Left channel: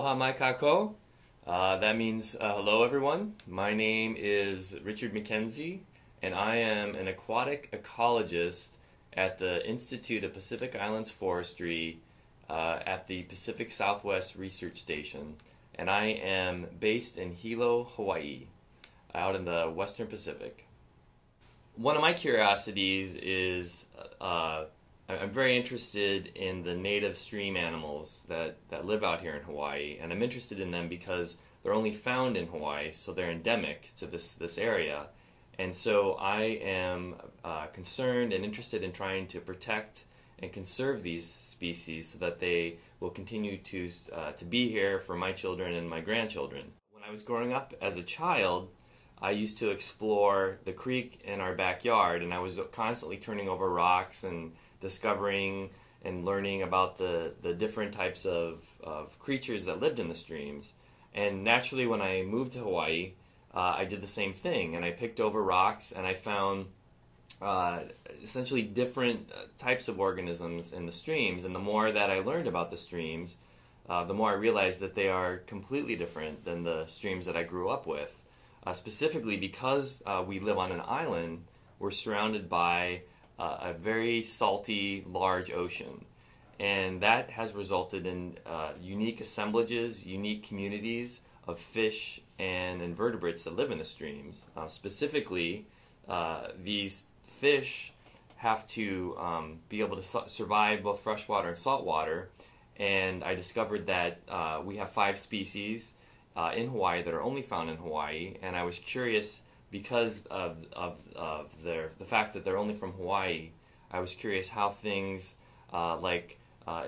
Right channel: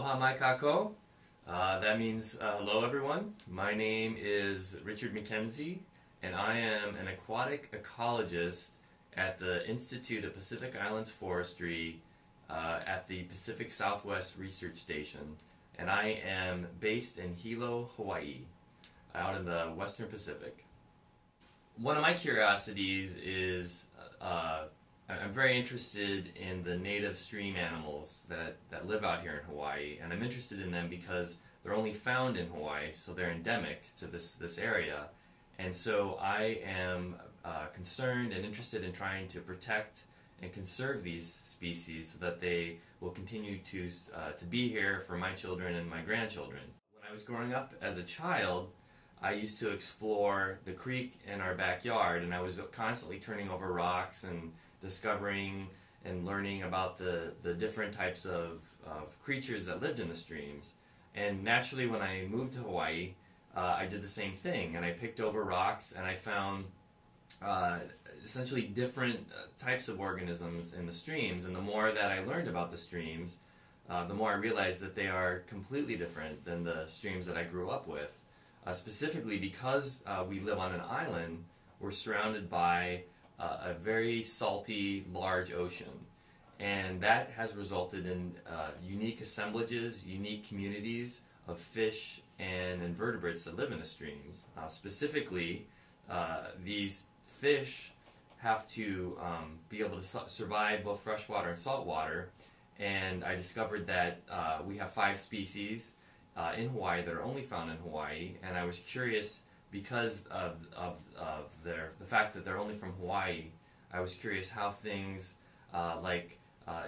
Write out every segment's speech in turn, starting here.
Aloha mai kako. That means hello everyone. My name is Richard MacKenzie, and I am an aquatic ecologist at the Institute of Pacific Islands Forestry at the Pacific Southwest Research Station. And I am based in Hilo, Hawaii, out in the Western Pacific. One of my curiosities is I'm very interested in the native stream animals that live out here in Hawaii, and I'm interested in them because they're only found in Hawaii, so they're endemic to this area. And so I am concerned and interested in trying to protect and conserve these species so that they will continue to be here for my children and my grandchildren. When I was growing up as a child, I used to explore the creek in our backyard, and I was constantly turning over rocks and discovering and learning about the different types of creatures that lived in the streams. And naturally, when I moved to Hawaii, I did the same thing, and I picked over rocks and I found essentially different types of organisms in the streams. And the more that I learned about the streams, the more I realized that they are completely different than the streams that I grew up with. Specifically because we live on an island, we're surrounded by a very salty, large ocean. And that has resulted in unique assemblages, unique communities of fish and invertebrates that live in the streams. Specifically, these fish have to be able to survive both freshwater and saltwater. And I discovered that we have 5 species in Hawaii that are only found in Hawaii, and I was curious because of the fact that they're only from Hawaii. I was curious how things like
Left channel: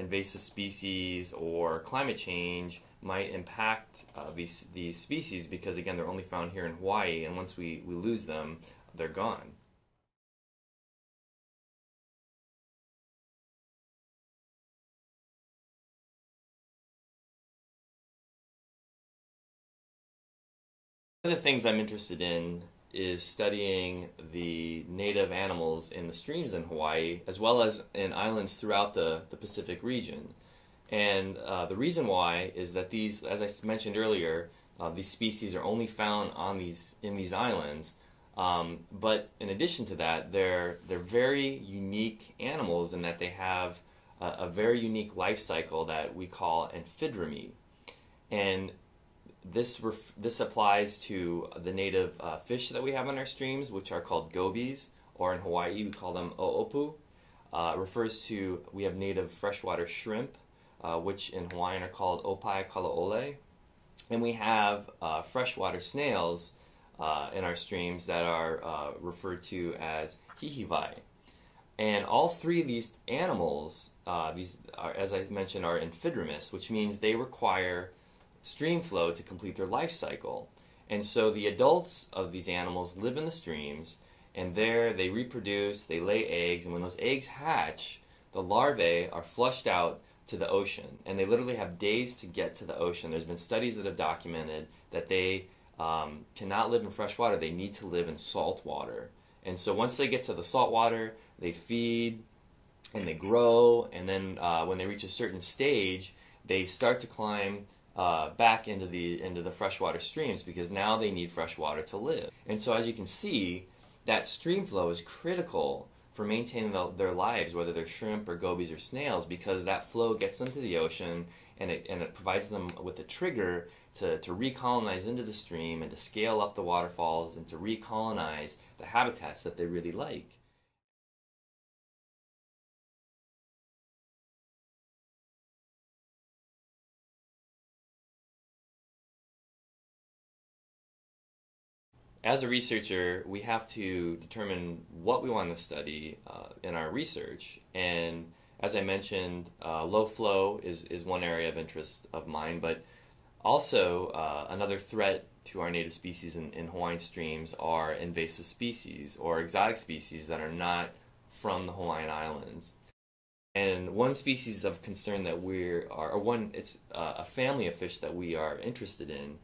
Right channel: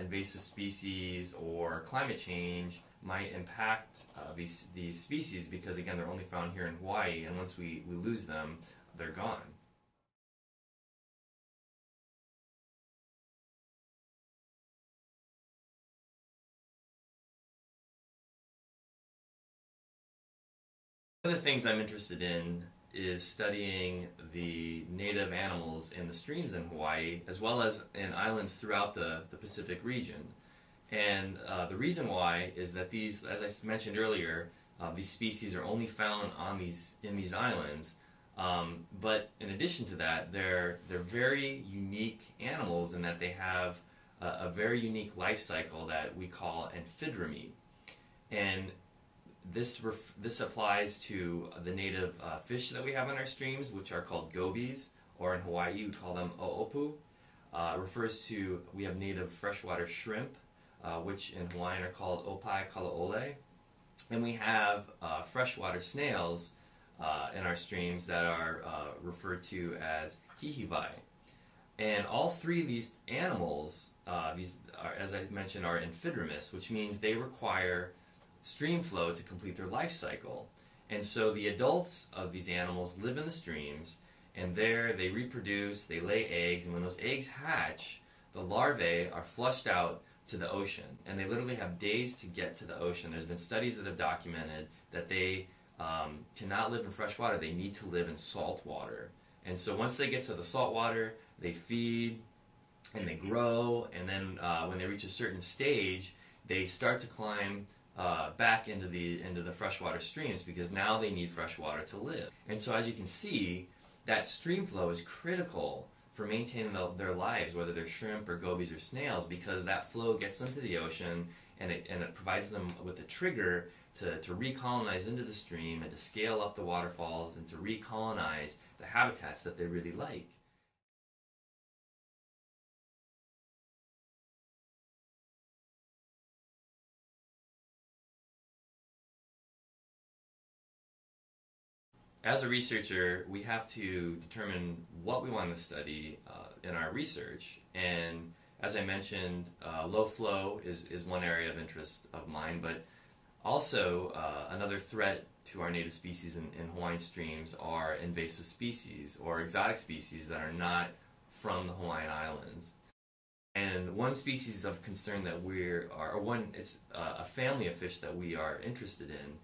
invasive species or climate change might impact these species, because again, they're only found here in Hawaii, and once we lose them, they're gone. One of the things I'm interested in is studying the native animals in the streams in Hawaii, as well as in islands throughout the Pacific region. And the reason why is that these, as I mentioned earlier, these species are only found in these islands. But in addition to that, they're very unique animals in that they have a very unique life cycle that we call amphidremy. And this applies to the native fish that we have in our streams, which are called gobies, or in Hawaii we call them o'opu. Refers to, we have native freshwater shrimp, which in Hawaiian are called opai kalaole. And we have freshwater snails in our streams that are referred to as hihivai. And all 3 of these animals, these are, as I mentioned, are amphidromous, which means they require stream flow to complete their life cycle. And so the adults of these animals live in the streams, and there they reproduce, they lay eggs, and when those eggs hatch, the larvae are flushed out to the ocean, and they literally have days to get to the ocean. There's been studies that have documented that they cannot live in fresh water, they need to live in salt water. And so once they get to the salt water, they feed and they grow, and then when they reach a certain stage, they start to climb back into the freshwater streams, because now they need fresh water to live. And so as you can see, that stream flow is critical for maintaining their lives, whether they're shrimp or gobies or snails, because that flow gets them to the ocean, and it provides them with a trigger to recolonize into the stream and to scale up the waterfalls and to recolonize the habitats that they really like. As a researcher, we have to determine what we want to study in our research. And as I mentioned, low flow is one area of interest of mine, but also another threat to our native species in Hawaiian streams are invasive species or exotic species that are not from the Hawaiian Islands. And one species of concern that it's a family of fish that we are interested in.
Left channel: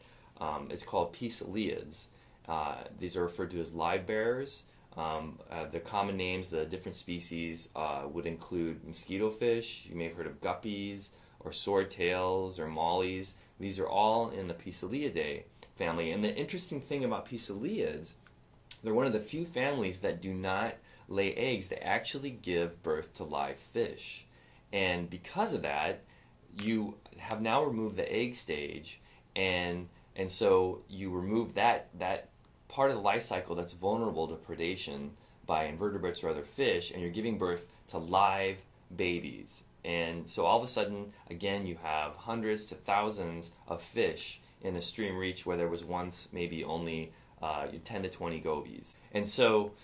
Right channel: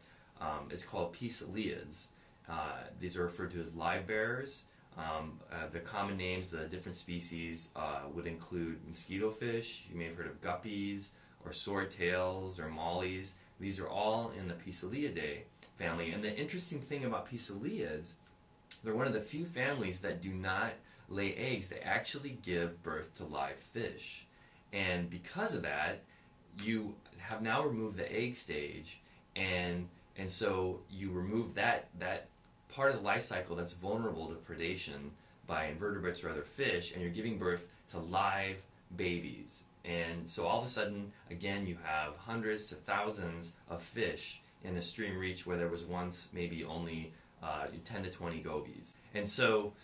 It's called Pisceliids. These are referred to as live bearers. The common names, the different species would include mosquito fish. You may have heard of guppies or swordtails or mollies. These are all in the Poeciliidae family. And the interesting thing about Poeciliids, they're one of the few families that do not lay eggs. They actually give birth to live fish. And because of that, you have now removed the egg stage, and so you remove that part of the life cycle that's vulnerable to predation by invertebrates or other fish, and you're giving birth to live babies. And so all of a sudden, again, you have hundreds to thousands of fish in a stream reach where there was once maybe only 10 to 20 gobies. And so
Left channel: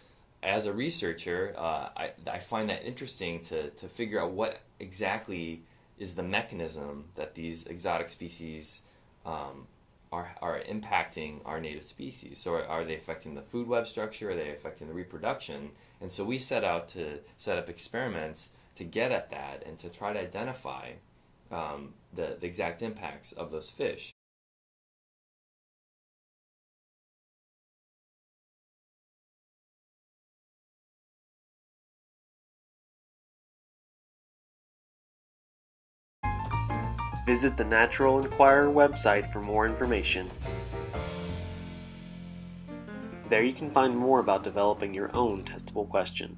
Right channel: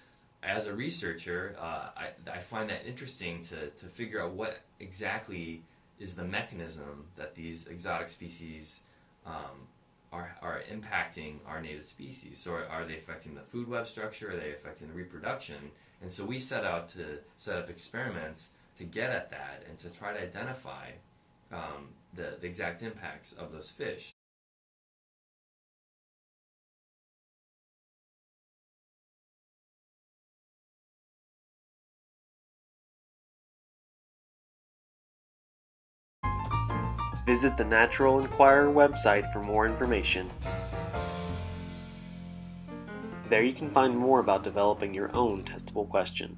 as a researcher, I find that interesting to figure out what exactly is the mechanism that these exotic species are impacting our native species. So are they affecting the food web structure? Are they affecting the reproduction? And so we set out to set up experiments to get at that and to try to identify the exact impacts of those fish. Visit the Natural Enquirer website for more information. There you can find more about developing your own testable question.